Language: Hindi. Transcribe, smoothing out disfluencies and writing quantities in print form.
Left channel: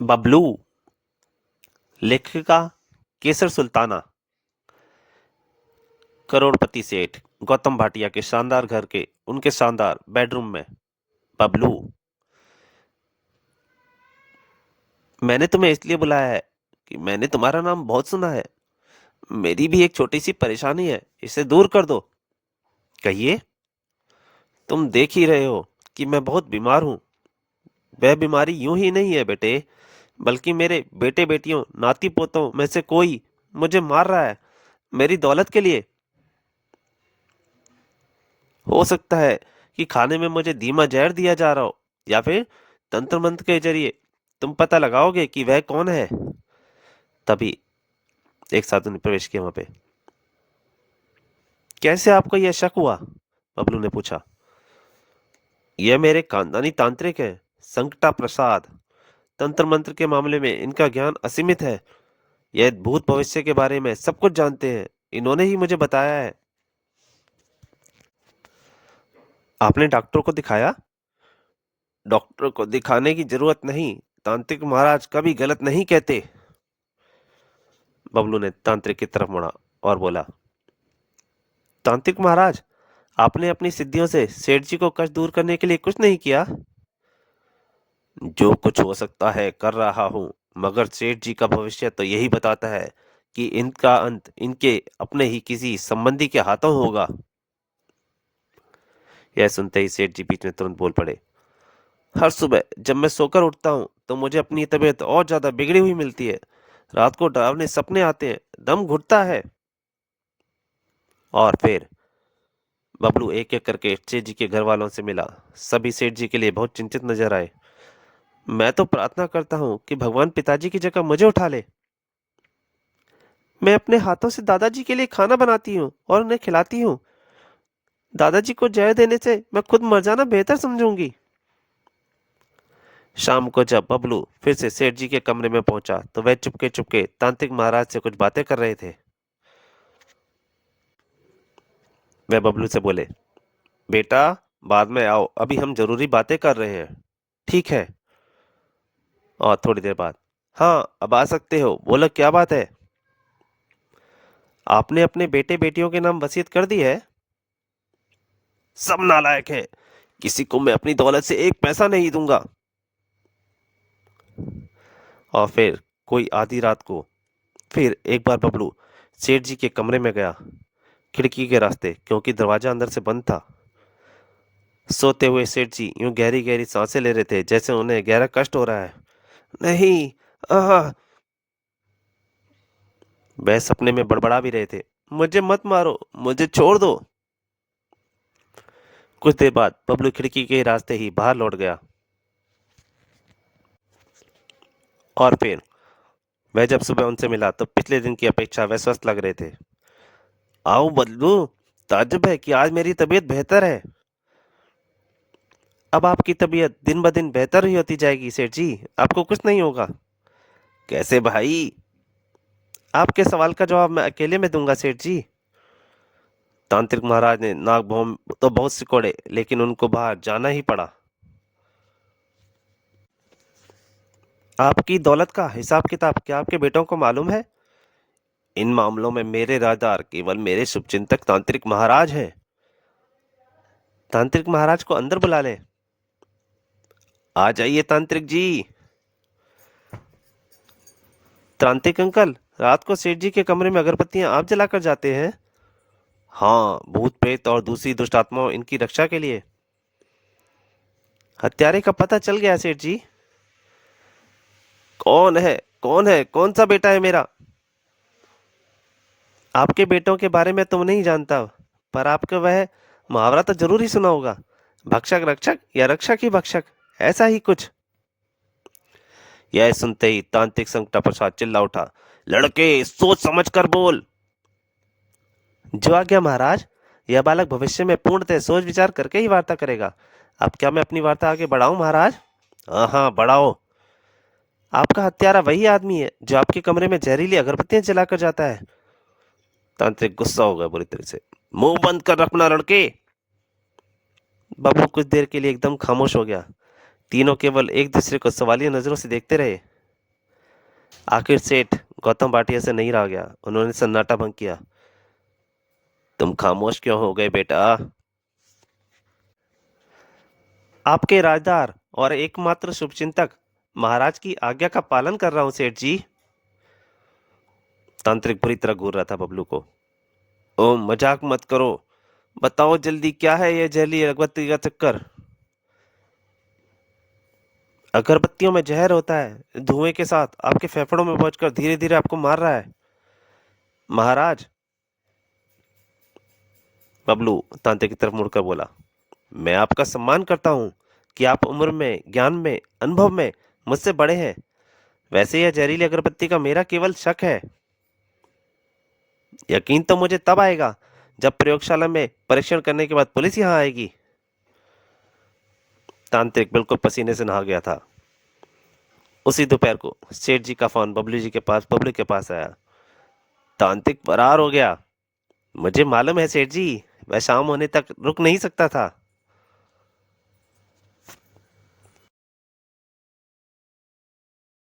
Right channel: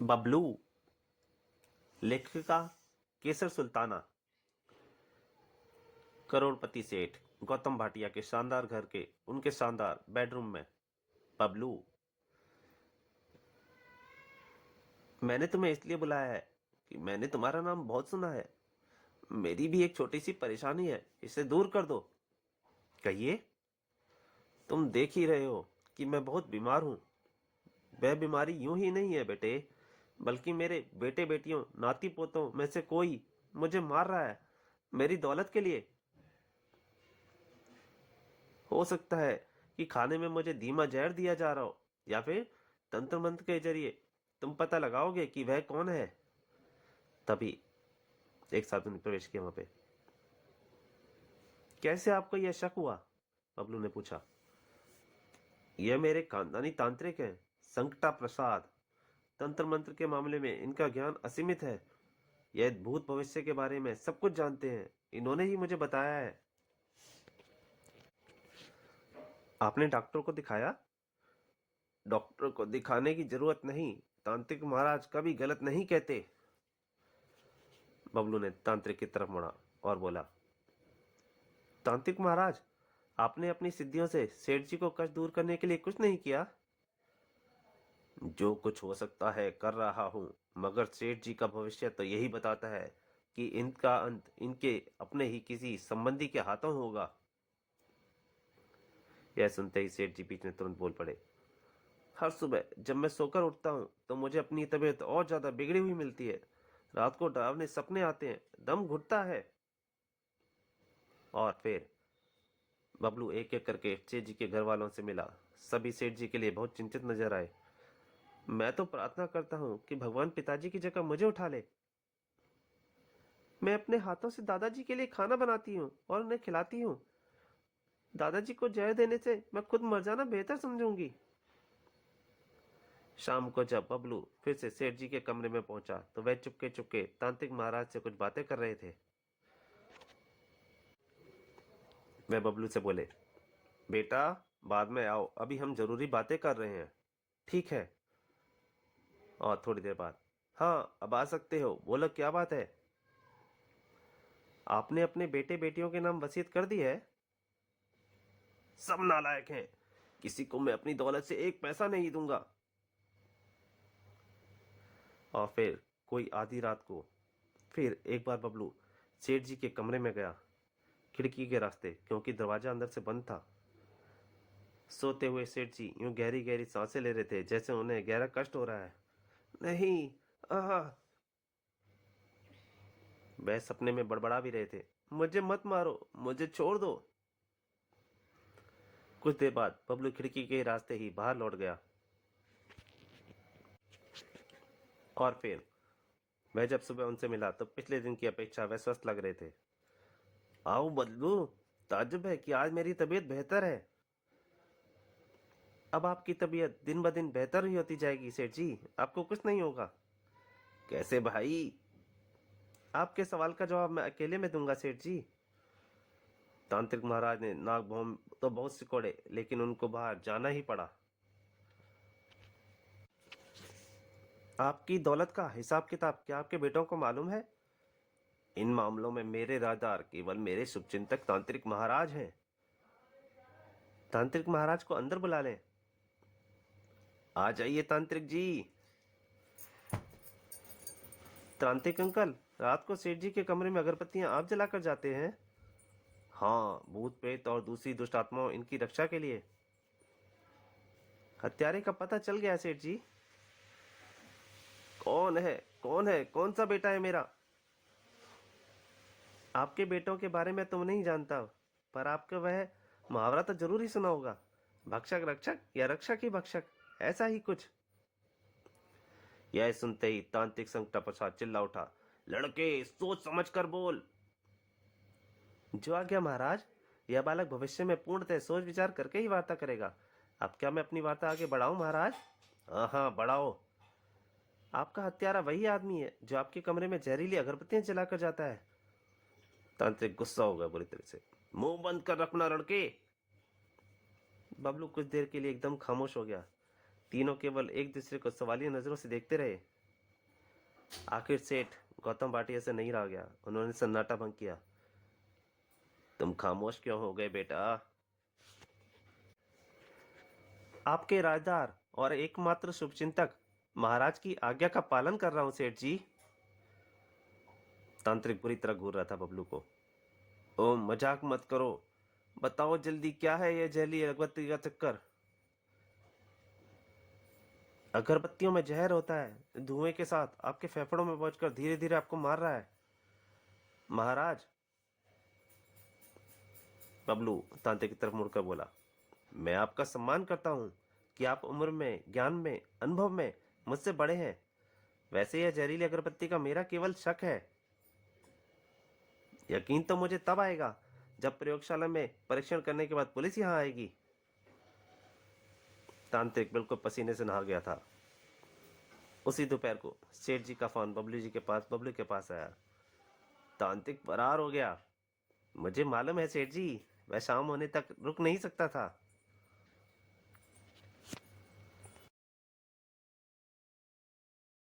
बबलू। लेखिका केसर सुल्ताना। करोड़पति सेठ गौतम भाटिया के शानदार घर के उनके शानदार बेडरूम में। बबलू, मैंने तुम्हें इसलिए बुलाया है कि मैंने तुम्हारा नाम बहुत सुना है। मेरी भी एक छोटी सी परेशानी है, इसे दूर कर दो। कहिए। तुम देख ही रहे हो कि मैं बहुत बीमार हूँ। वह बीमारी यूं ही नहीं है बेटे, बल्कि मेरे बेटे बेटियों नाती पोतों में से कोई मुझे मार रहा है, मेरी दौलत के लिए। हो सकता है कि खाने में मुझे धीमा जहर दिया जा रहा हो, या फिर तंत्र मंत्र के जरिए तुम पता लगाओगे कि वह कौन है। तभी एक साधु ने प्रवेश किया वहां पे। कैसे आपको यह शक हुआ? बबलू ने पूछा। यह मेरे खानदानी तांत्रिक हैं, संकटा प्रसाद। तंत्र मंत्र के मामले में इनका ज्ञान असीमित है। यह भूत भविष्य के बारे में सब कुछ जानते हैं। इन्होंने ही मुझे बताया है। आपने डॉक्टर को दिखाया? डॉक्टर को दिखाने की जरूरत नहीं। तांत्रिक महाराज कभी गलत नहीं कहते। बबलू ने तांत्रिक की तरफ मुड़ा और बोला। तांत्रिक महाराज, आपने अपनी सिद्धियों से सेठ जी को कष्ट दूर करने के लिए कुछ नहीं किया? जो कुछ हो सकता है कर रहा हूं, मगर सेठ जी का भविष्य तो यही बताता है कि इनका अंत इनके अपने ही किसी संबंधी के हाथों होगा। यह सुनते ही सेठ जी बीच में तुरंत बोल पड़े। हर सुबह जब मैं सोकर उठता हूँ तो मुझे अपनी तबीयत और ज्यादा बिगड़ी हुई मिलती है। रात को डरावने सपने आते हैं, दम घुटता है। और फिर बबलू एक एक करके सेठ जी के घर वालों से मिला। सभी सेठ जी के लिए बहुत चिंतित नजर आए। मैं तो प्रार्थना करता हूँ कि भगवान पिताजी की जगह मुझे उठा ले। मैं अपने हाथों से दादाजी के लिए खाना बनाती हूँ और उन्हें खिलाती हूँ। दादाजी को जय देने से मैं खुद मर जाना बेहतर समझूंगी। शाम को जब बबलू फिर से सेठ जी के कमरे में पहुंचा तो वह चुपके चुपके तांत्रिक महाराज से कुछ बातें कर रहे थे। वह बबलू से बोले। बेटा, बाद में आओ, अभी हम जरूरी बातें कर रहे हैं। ठीक है। और थोड़ी देर बाद, हाँ अब आ सकते हो, बोलो क्या बात है। आपने अपने बेटे बेटियों के नाम वसीयत कर दी है? सब नालायक है। किसी को मैं अपनी दौलत से एक पैसा नहीं दूंगा। और फिर कोई आधी रात को फिर एक बार बबलू सेठ जी के कमरे में गया, खिड़की के रास्ते, क्योंकि दरवाजा अंदर से बंद था। सोते हुए सेठ जी यूं गहरी गहरी सांसें ले रहे थे जैसे उन्हें गहरा कष्ट हो रहा है। नहीं। आह। वह सपने में बड़बड़ा भी रहे थे। मुझे मत मारो, मुझे छोड़ दो। कुछ देर बाद बबलू खिड़की के रास्ते ही बाहर लौट गया। और फिर वह जब सुबह उनसे मिला तो पिछले दिन की अपेक्षा वे स्वस्थ लग रहे थे। आओ बबलू, ताज्जुब है कि आज मेरी तबीयत बेहतर है। अब आपकी तबीयत दिन ब दिन बेहतर ही होती जाएगी सेठ जी, आपको कुछ नहीं होगा। कैसे भाई? आपके सवाल का जवाब मैं अकेले में दूंगा सेठ जी। तांत्रिक महाराज ने नाक भौं तो बहुत सिकोड़े, लेकिन उनको बाहर जाना ही पड़ा। आपकी दौलत का हिसाब किताब क्या आपके बेटों को मालूम है? इन मामलों में मेरे राजदार केवल मेरे शुभचिंतक तांत्रिक महाराज हैं। तांत्रिक महाराज को अंदर बुला ले। आ जाइए तांत्रिक जी। तांत्रिक अंकल, रात को सेठ जी के कमरे में अगरबत्तियां आप जलाकर जाते हैं? हाँ, भूत प्रेत और दूसरी दुष्ट आत्माओं इनकी रक्षा के लिए। हत्यारे का पता चल गया सेठ जी। कौन है? कौन है? कौन सा बेटा है मेरा? आपके बेटों के बारे में तुम नहीं जानता, पर आपका वह मुहावरा तो जरूर ही सुना होगा। भक्षक रक्षक या रक्षक ही भक्षक, ऐसा ही कुछ। यह सुनते ही तांत्रिक संकटा प्रसाद चिल्ला उठा। लड़के, सोच समझ कर बोल। जो आज्ञा महाराज। यह बालक भविष्य में पूर्णतः सोच विचार करके ही वार्ता करेगा। अब क्या मैं अपनी वार्ता आगे बढ़ाऊं महाराज? हाँ हाँ, बढ़ाओ। आपका हत्यारा वही आदमी है जो आपके कमरे में जहरीली अगरबत्तियां जलाकर जाता है। तांत्रिक गुस्सा हो गया बुरी तरह से। मुंह बंद कर रखना लड़के। बाबू कुछ देर के लिए एकदम खामोश हो गया। तीनों केवल एक दूसरे को सवालिया नजरों से देखते रहे। आखिर सेठ गौतम भाटिया से नहीं रहा गया। उन्होंने सन्नाटा भंग किया। तुम खामोश क्यों हो गए बेटा? आपके राजदार और एकमात्र शुभचिंतक महाराज की आज्ञा का पालन कर रहा हूं सेठ जी। तांत्रिक बुरी तरह घूर रहा था बबलू को। ओ मजाक मत करो। बताओ जल्दी, क्या है ये जहली अगरबत्ती का चक्कर? अगरबत्तियों में जहर होता है, धुएं के साथ आपके फेफड़ों में पहुंचकर धीरे धीरे आपको मार रहा है महाराज। बबलू तांत्रिक की तरफ मुड़कर बोला, मैं आपका सम्मान करता हूं कि आप उम्र में, ज्ञान में, अनुभव में मुझसे बड़े हैं। वैसे यह जहरीली अगरबत्ती का मेरा केवल शक है। यकीन तो मुझे तब आएगा जब प्रयोगशाला में परीक्षण करने के बाद पुलिस यहाँ आएगी। तांत्रिक बिल्कुल पसीने से नहा गया था। उसी दोपहर को सेठ जी का फोन बबलू के पास आया। तांत्रिक फरार हो गया। मुझे मालूम है सेठ जी, वह शाम होने तक रुक नहीं सकता था।